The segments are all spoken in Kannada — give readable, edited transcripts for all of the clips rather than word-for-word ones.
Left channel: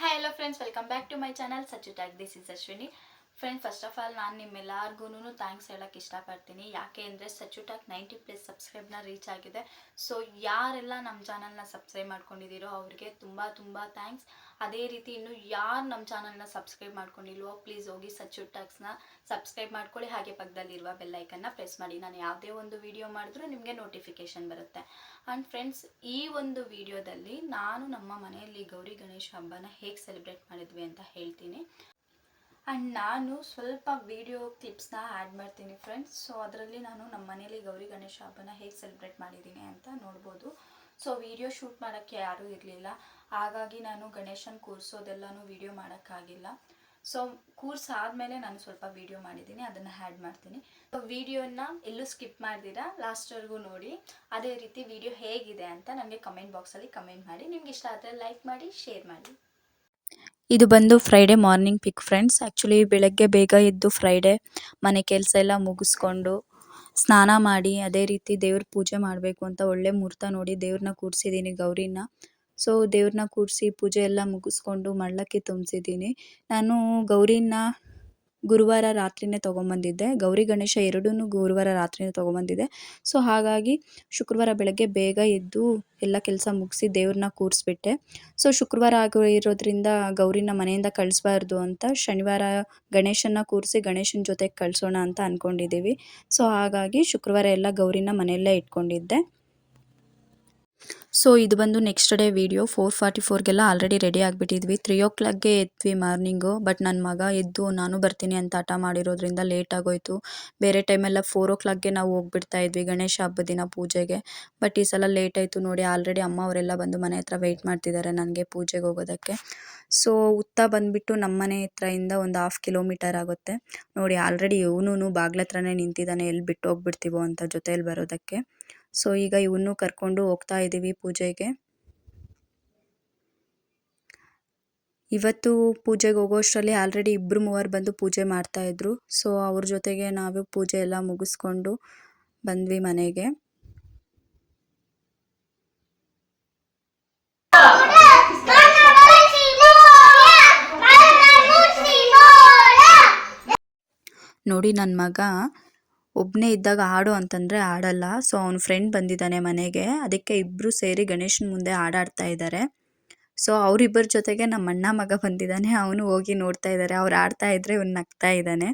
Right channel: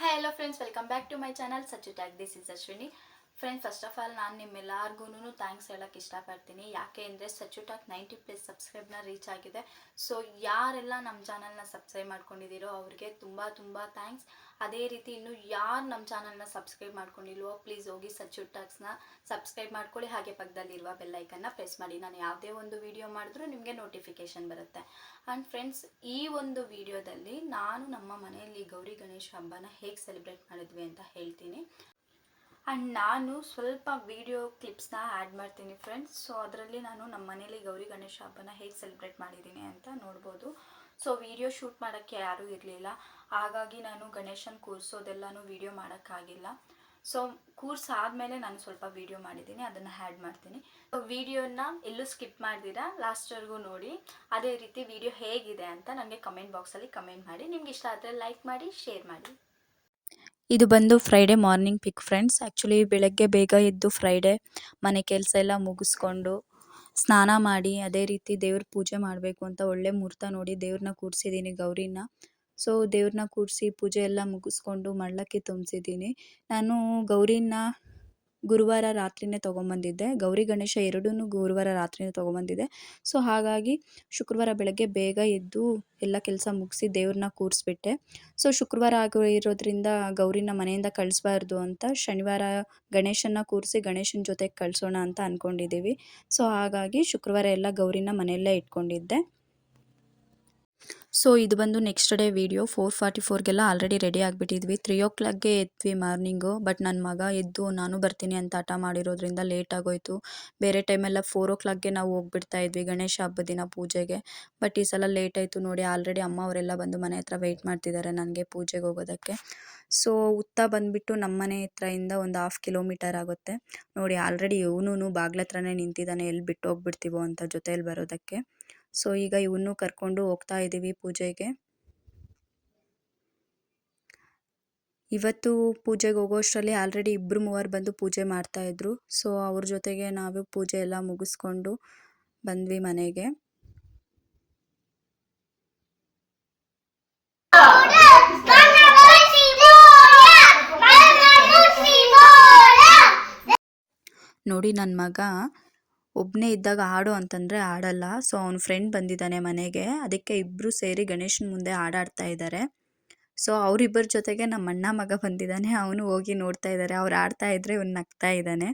Hi hello friends, welcome back to my channel Sachchu tag. This is Ashwini. Friends, first of all ನಾನು ನಿಮ್ಮೆಲ್ಲರಿಗೂ ಥ್ಯಾಂಕ್ಸ್ ಹೇಳೋಕ್ಕೆ ಇಷ್ಟಪಡ್ತೀನಿ. ಯಾಕೆ ಅಂದರೆ ಸಚ್ಚು ಟ್ಯಾಗ್ 90+ ಸಬ್ಸ್ಕ್ರೈಬ್ನ ರೀಚ್ ಆಗಿದೆ. ಸೊ ಯಾರೆಲ್ಲ ನಮ್ಮ ಚಾನಲ್ನ ಸಬ್ಸ್ಕ್ರೈಬ್ ಮಾಡ್ಕೊಂಡಿದ್ದೀರೋ ಅವ್ರಿಗೆ ತುಂಬ ತುಂಬ ಥ್ಯಾಂಕ್ಸ್. ಅದೇ ರೀತಿ ಇನ್ನು ಯಾರು ನಮ್ಮ ಚಾನಲ್ನ ಸಬ್ಸ್ಕ್ರೈಬ್ ಮಾಡ್ಕೊಂಡಿಲ್ವೋ ಪ್ಲೀಸ್ ಹೋಗಿ ಸಚ್ಚು ಟ್ಯಾಗ್ಸ್ನ ಸಬ್ಸ್ಕ್ರೈಬ್ ಮಾಡ್ಕೊಳ್ಳಿ. ಹಾಗೆ ಪಕ್ಕದಲ್ಲಿರುವ ಬೆಲ್ಲೈಕನ್ನ ಪ್ರೆಸ್ ಮಾಡಿ. ನಾನು ಯಾವುದೇ ಒಂದು ವಿಡಿಯೋ ಮಾಡಿದ್ರೂ ನಿಮಗೆ ನೋಟಿಫಿಕೇಷನ್ ಬರುತ್ತೆ. ಆ್ಯಂಡ್ ಫ್ರೆಂಡ್ಸ್, ಈ ಒಂದು ವಿಡಿಯೋದಲ್ಲಿ ನಾನು ನಮ್ಮ ಮನೆಯಲ್ಲಿ ಗೌರಿ ಗಣೇಶ ಹಬ್ಬನ ಹೇಗೆ ಸೆಲೆಬ್ರೇಟ್ ಮಾಡಿದ್ವಿ ಅಂತ ಹೇಳ್ತೀನಿ. ಆ್ಯಂಡ್ ನಾನು ಸ್ವಲ್ಪ ವಿಡಿಯೋ ಕ್ಲಿಪ್ಸ್ನ ಆ್ಯಡ್ ಮಾಡ್ತೀನಿ ಫ್ರೆಂಡ್ಸ್. ಸೊ ಅದರಲ್ಲಿ ನಾನು ನಮ್ಮ ಮನೇಲಿ ಗೌರಿ ಗಣೇಶ ಹಬ್ಬನ ಹೇಗೆ ಸೆಲೆಬ್ರೇಟ್ ಮಾಡಿದ್ದೀನಿ ಅಂತ ನೋಡ್ಬೋದು. ಸೊ ವಿಡಿಯೋ ಶೂಟ್ ಮಾಡೋಕ್ಕೆ ಯಾರೂ ಇರಲಿಲ್ಲ, ಹಾಗಾಗಿ ನಾನು ಗಣೇಶನ ಕೂರಿಸೋದೆಲ್ಲನೂ ವಿಡಿಯೋ ಮಾಡೋಕ್ಕಾಗಿಲ್ಲ. ಸೊ ಕೂರ್ಸಾದ್ಮೇಲೆ ನಾನು ಸ್ವಲ್ಪ ವಿಡಿಯೋ ಮಾಡಿದ್ದೀನಿ, ಅದನ್ನು ಆ್ಯಡ್ ಮಾಡ್ತೀನಿ. ಸೊ ವಿಡಿಯೋನ ಎಲ್ಲೂ ಸ್ಕಿಪ್ ಮಾಡ್ದಿರಾ ಲಾಸ್ಟ್ವರೆಗೂ ನೋಡಿ. ಅದೇ ರೀತಿ ವಿಡಿಯೋ ಹೇಗಿದೆ ಅಂತ ನನಗೆ ಕಮೆಂಟ್ ಬಾಕ್ಸಲ್ಲಿ ಕಮೆಂಟ್ ಮಾಡಿ. ನಿಮ್ಗೆ ಇಷ್ಟ ಆದರೆ ಲೈಕ್ ಮಾಡಿ, ಶೇರ್ ಮಾಡಿ. ಇದು ಬಂದು ಫ್ರೈಡೇ ಮಾರ್ನಿಂಗ್ ಪಿಕ್ ಫ್ರೆಂಡ್ಸ್. ಆ್ಯಕ್ಚುಲಿ ಬೆಳಗ್ಗೆ ಬೇಗ ಎದ್ದು ಫ್ರೈಡೇ ಮನೆ ಕೆಲಸ ಎಲ್ಲ ಮುಗಿಸ್ಕೊಂಡು ಸ್ನಾನ ಮಾಡಿ ಅದೇ ರೀತಿ ದೇವ್ರ ಪೂಜೆ ಮಾಡಬೇಕು ಅಂತ ಒಳ್ಳೆ ಮುಹೂರ್ತ ನೋಡಿ ದೇವ್ರನ್ನ ಕೂರಿಸಿದ್ದೀನಿ, ಗೌರಿನ. ಸೊ ದೇವ್ರನ್ನ ಕೂರಿಸಿ ಪೂಜೆ ಎಲ್ಲ ಮುಗಿಸ್ಕೊಂಡು ಮಳ್ಳಕ್ಕೆ ತುಂಬಿಸಿದ್ದೀನಿ. ನಾನು ಗೌರಿನ ಗುರುವಾರ ರಾತ್ರಿನೇ ತೊಗೊಂಬಂದಿದ್ದೆ. ಗೌರಿ ಗಣೇಶ ಎರಡೂ ಗುರುವಾರ ರಾತ್ರಿನೇ ತೊಗೊಂಬಂದಿದ್ದೆ. ಸೊ ಹಾಗಾಗಿ ಶುಕ್ರವಾರ ಬೆಳಗ್ಗೆ ಬೇಗ ಎದ್ದು ಎಲ್ಲ ಕೆಲಸ ಮುಗಿಸಿ ದೇವ್ರನ್ನ ಕೂರಿಸ್ಬಿಟ್ಟೆ. ಸೊ ಶುಕ್ರವಾರ ಆಗಿರೋದ್ರಿಂದ ಗೌರಿನ ಮನೆಯಿಂದ ಕಳಿಸ್ಬಾರ್ದು ಅಂತ ಶನಿವಾರ ಗಣೇಶನ ಕೂರಿಸಿ ಗಣೇಶನ ಜೊತೆಗೆ ಕಳಿಸೋಣ ಅಂತ ಅಂದ್ಕೊಂಡಿದ್ದೀವಿ. ಸೊ ಹಾಗಾಗಿ ಶುಕ್ರವಾರ ಎಲ್ಲ ಗೌರಿನ ಮನೆಯಲ್ಲೇ ಇಟ್ಕೊಂಡಿದ್ದೆ. ಸೊ ಇದು ಬಂದು ನೆಕ್ಸ್ಟ್ ಡೇ ವಿಡಿಯೋ. 4:44ಗೆಲ್ಲ ಆಲ್ರೆಡಿ ರೆಡಿ ಆಗಿಬಿಟ್ಟಿದ್ವಿ. 3 o'clockಗೆ ಎದ್ವಿ ಮಾರ್ನಿಂಗು. ಬಟ್ ನನ್ನ ಮಗ ಎದ್ದು ನಾನು ಬರ್ತೀನಿ ಅಂತ ಹಠ ಮಾಡಿರೋದ್ರಿಂದ ಲೇಟ್ ಆಗೋಯ್ತು. ಬೇರೆ ಟೈಮೆಲ್ಲ 4 o'clockಗೆ ನಾವು ಹೋಗ್ಬಿಡ್ತಾ ಇದ್ವಿ ಗಣೇಶ ಹಬ್ಬದ ದಿನ ಪೂಜೆಗೆ. ಬಟ್ ಈ ಸಲ ಲೇಟ್ ಆಯಿತು ನೋಡಿ. ಆಲ್ರೆಡಿ ಅಮ್ಮ ಅವರೆಲ್ಲ ಬಂದು ಮನೆ ಹತ್ರ ವೆಯ್ಟ್ ಮಾಡ್ತಿದ್ದಾರೆ ನನಗೆ ಪೂಜೆಗೆ ಹೋಗೋದಕ್ಕೆ. ಸೊ ಉತ್ತಾ ಬಂದುಬಿಟ್ಟು ನಮ್ಮ ಮನೆ ಹತ್ರದಿಂದ ಒಂದು 1/2 ಕಿಲೋಮೀಟರ್ ಆಗುತ್ತೆ ನೋಡಿ. ಆಲ್ರೆಡಿ ಇವನು ಬಾಗ್ಲ ಹತ್ರನೇ ನಿಂತಿದ್ದಾನೆ, ಎಲ್ಲಿ ಬಿಟ್ಟು ಹೋಗ್ಬಿಡ್ತೀವೋ ಅಂತ ಜೊತೆಯಲ್ಲಿ ಬರೋದಕ್ಕೆ. ಸೊ ಈಗ ಇವನ್ನೂ ಕರ್ಕೊಂಡು ಹೋಗ್ತಾ ಇದ್ದೀವಿ ಪೂಜೆಗೆ. ಇವತ್ತು ಪೂಜೆಗೆ ಹೋಗೋಷ್ಟರಲ್ಲಿ ಆಲ್ರೆಡಿ 2-3 ಬಂದು ಪೂಜೆ ಮಾಡ್ತಾಯಿದ್ರು. ಸೊ ಅವ್ರ ಜೊತೆಗೆ ನಾವು ಪೂಜೆ ಎಲ್ಲ ಮುಗಿಸ್ಕೊಂಡು ಬಂದ್ವಿ ಮನೆಗೆ. ನೋಡಿ ನನ್ನ ಮಗ ಒಬ್ಬನೇ ಇದ್ದಾಗ ಆಡು ಅಂತಂದರೆ ಆಡಲ್ಲ. ಸೊ ಅವನ ಫ್ರೆಂಡ್ ಬಂದಿದ್ದಾನೆ ಮನೆಗೆ, ಅದಕ್ಕೆ ಇಬ್ಬರು ಸೇರಿ ಗಣೇಶನ ಮುಂದೆ ಆಡ್ತಾ ಇದ್ದಾರೆ. ಸೊ ಅವರಿಬ್ಬರ ಜೊತೆಗೆ ನಮ್ಮ ಅಣ್ಣ ಮಗ ಬಂದಿದ್ದಾನೆ, ಅವನು ಹೋಗಿ ನೋಡ್ತಾ ಇದ್ದಾರೆ. ಅವ್ರು ಆಡ್ತಾ ಇದ್ದರೆ ಇವ್ನು ನಗ್ತಾ ಇದ್ದಾನೆ.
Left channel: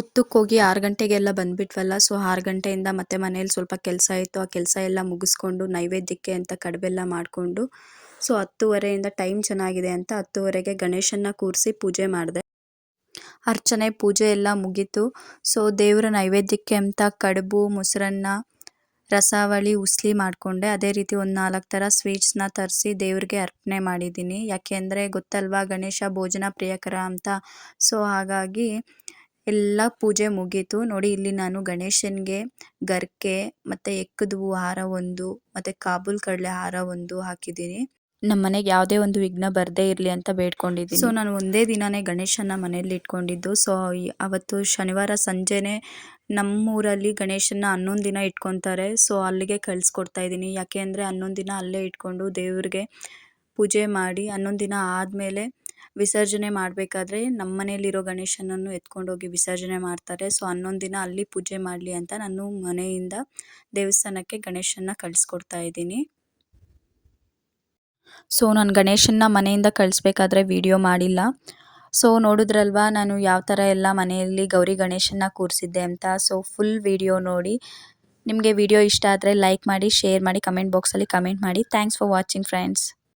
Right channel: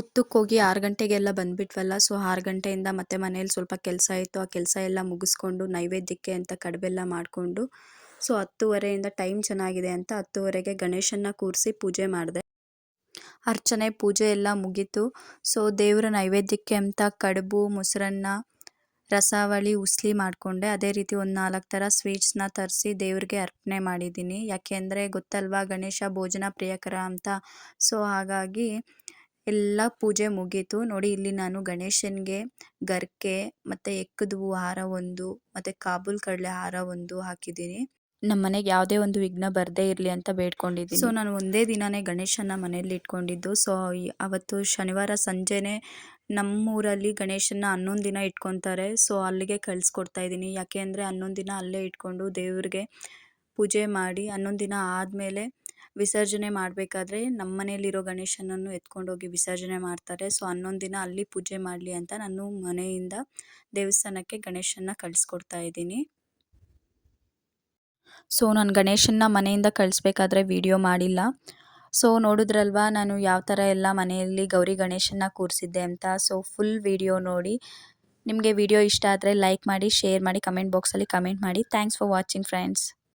ಉತ್ತಕ್ಕೆ ಹೋಗಿ 6 ಗಂಟೆಗೆಲ್ಲ ಬಂದುಬಿಟ್ವಲ್ಲ. ಸೊ 6 ಗಂಟೆಯಿಂದ ಮತ್ತೆ ಮನೇಲಿ ಸ್ವಲ್ಪ ಕೆಲಸ ಇತ್ತು. ಆ ಕೆಲಸ ಎಲ್ಲ ಮುಗಿಸ್ಕೊಂಡು ನೈವೇದ್ಯಕ್ಕೆ ಅಂತ ಕಡುಬೆಲ್ಲ ಮಾಡಿಕೊಂಡು ಸೊ 10:30ಇಂದ ಟೈಮ್ ಚೆನ್ನಾಗಿದೆ ಅಂತ 10:30ಗೆ ಗಣೇಶನ್ನ ಕೂರಿಸಿ ಪೂಜೆ ಮಾಡಿದೆ. ಅರ್ಚನೆ ಪೂಜೆ ಎಲ್ಲ ಮುಗೀತು. ಸೊ ದೇವರ ನೈವೇದ್ಯಕ್ಕೆ ಅಂತ ಕಡುಬು, ಮೊಸರನ್ನ, ರಸಾವಳಿ, ಉಸ್ಲಿ ಮಾಡಿಕೊಂಡೆ. ಅದೇ ರೀತಿ ಒಂದು 4 ಥರ ಸ್ವೀಟ್ಸ್ನ ತರಿಸಿ ದೇವ್ರಿಗೆ ಅರ್ಪಣೆ ಮಾಡಿದ್ದೀನಿ. ಯಾಕೆಂದರೆ ಗೊತ್ತಲ್ವಾ ಗಣೇಶ ಭೋಜನ ಪ್ರಿಯಕರ ಅಂತ. ಸೊ ಹಾಗಾಗಿ ಎಲ್ಲ ಪೂಜೆ ಮುಗೀತು ನೋಡಿ. ಇಲ್ಲಿ ನಾನು ಗಣೇಶನಿಗೆ ಗರ್ಕೆ ಮತ್ತು ಎಕ್ಕದ ಹೂವು ಹಾರ 1 ಮತ್ತು ಕಾಬೂಲ್ ಕಡಲೆ ಹಾರ 1 ಹಾಕಿದ್ದೀನಿ. ನಮ್ಮ ಮನೆಗೆ ಯಾವುದೇ ಒಂದು ವಿಘ್ನ ಬರದೇ ಇರಲಿ ಅಂತ ಬೇಡ್ಕೊಂಡಿದ್ದೀನಿ. ಸೊ ನಾನು ಒಂದೇ ದಿನವೇ ಗಣೇಶನ ಮನೆಯಲ್ಲಿ ಇಟ್ಕೊಂಡಿದ್ದು. ಸೊ ಅವತ್ತು ಶನಿವಾರ ಸಂಜೆನೇ ನಮ್ಮೂರಲ್ಲಿ ಗಣೇಶನ 11 ದಿನ ಇಟ್ಕೊತಾರೆ. ಸೊ ಅಲ್ಲಿಗೆ ಕಳಿಸ್ಕೊಡ್ತಾ ಇದ್ದೀನಿ. ಯಾಕೆ ಅಂದರೆ 11 ದಿನ ಅಲ್ಲೇ ಇಟ್ಕೊಂಡು ದೇವ್ರಿಗೆ ಪೂಜೆ ಮಾಡಿ 11 ದಿನ ಆದಮೇಲೆ ವಿಸರ್ಜನೆ ಮಾಡಬೇಕಾದ್ರೆ ನಮ್ಮ ಮನೆಯಲ್ಲಿರೋ ಗಣೇಶನನ್ನು ಎತ್ಕೊಂಡೋಗಿ ವಿಸರ್ಜನೆ ಮಾಡ್ತಾರೆ. ಸೊ 11 ದಿನ ಅಲ್ಲಿ ಪೂಜೆ ಮಾಡಲಿ ಅಂತ ನಾನು ಮನೆಯಿಂದ ದೇವಸ್ಥಾನಕ್ಕೆ ಗಣೇಶನ ಕಳಿಸ್ಕೊಡ್ತಾ ಇದ್ದೀನಿ. ಸೊ ನಾನು ಗಣೇಶನ್ನ ಮನೆಯಿಂದ ಕಳಿಸ್ಬೇಕಾದ್ರೆ ವಿಡಿಯೋ ಮಾಡಿಲ್ಲ. ಸೊ ನೋಡಿದ್ರಲ್ವಾ ನಾನು ಯಾವ ಥರ ಎಲ್ಲ ಮನೆಯಲ್ಲಿ ಗೌರಿ ಗಣೇಶನ್ನ ಕೂರಿಸಿದ್ದೆ ಅಂತ. ಸೊ ಫುಲ್ ವಿಡಿಯೋ ನೋಡಿ. ನಿಮಗೆ ವಿಡಿಯೋ ಇಷ್ಟ ಆದರೆ ಲೈಕ್ ಮಾಡಿ, ಶೇರ್ ಮಾಡಿ, ಕಮೆಂಟ್ ಬಾಕ್ಸಲ್ಲಿ ಕಮೆಂಟ್ ಮಾಡಿ. Thanks for watching friends.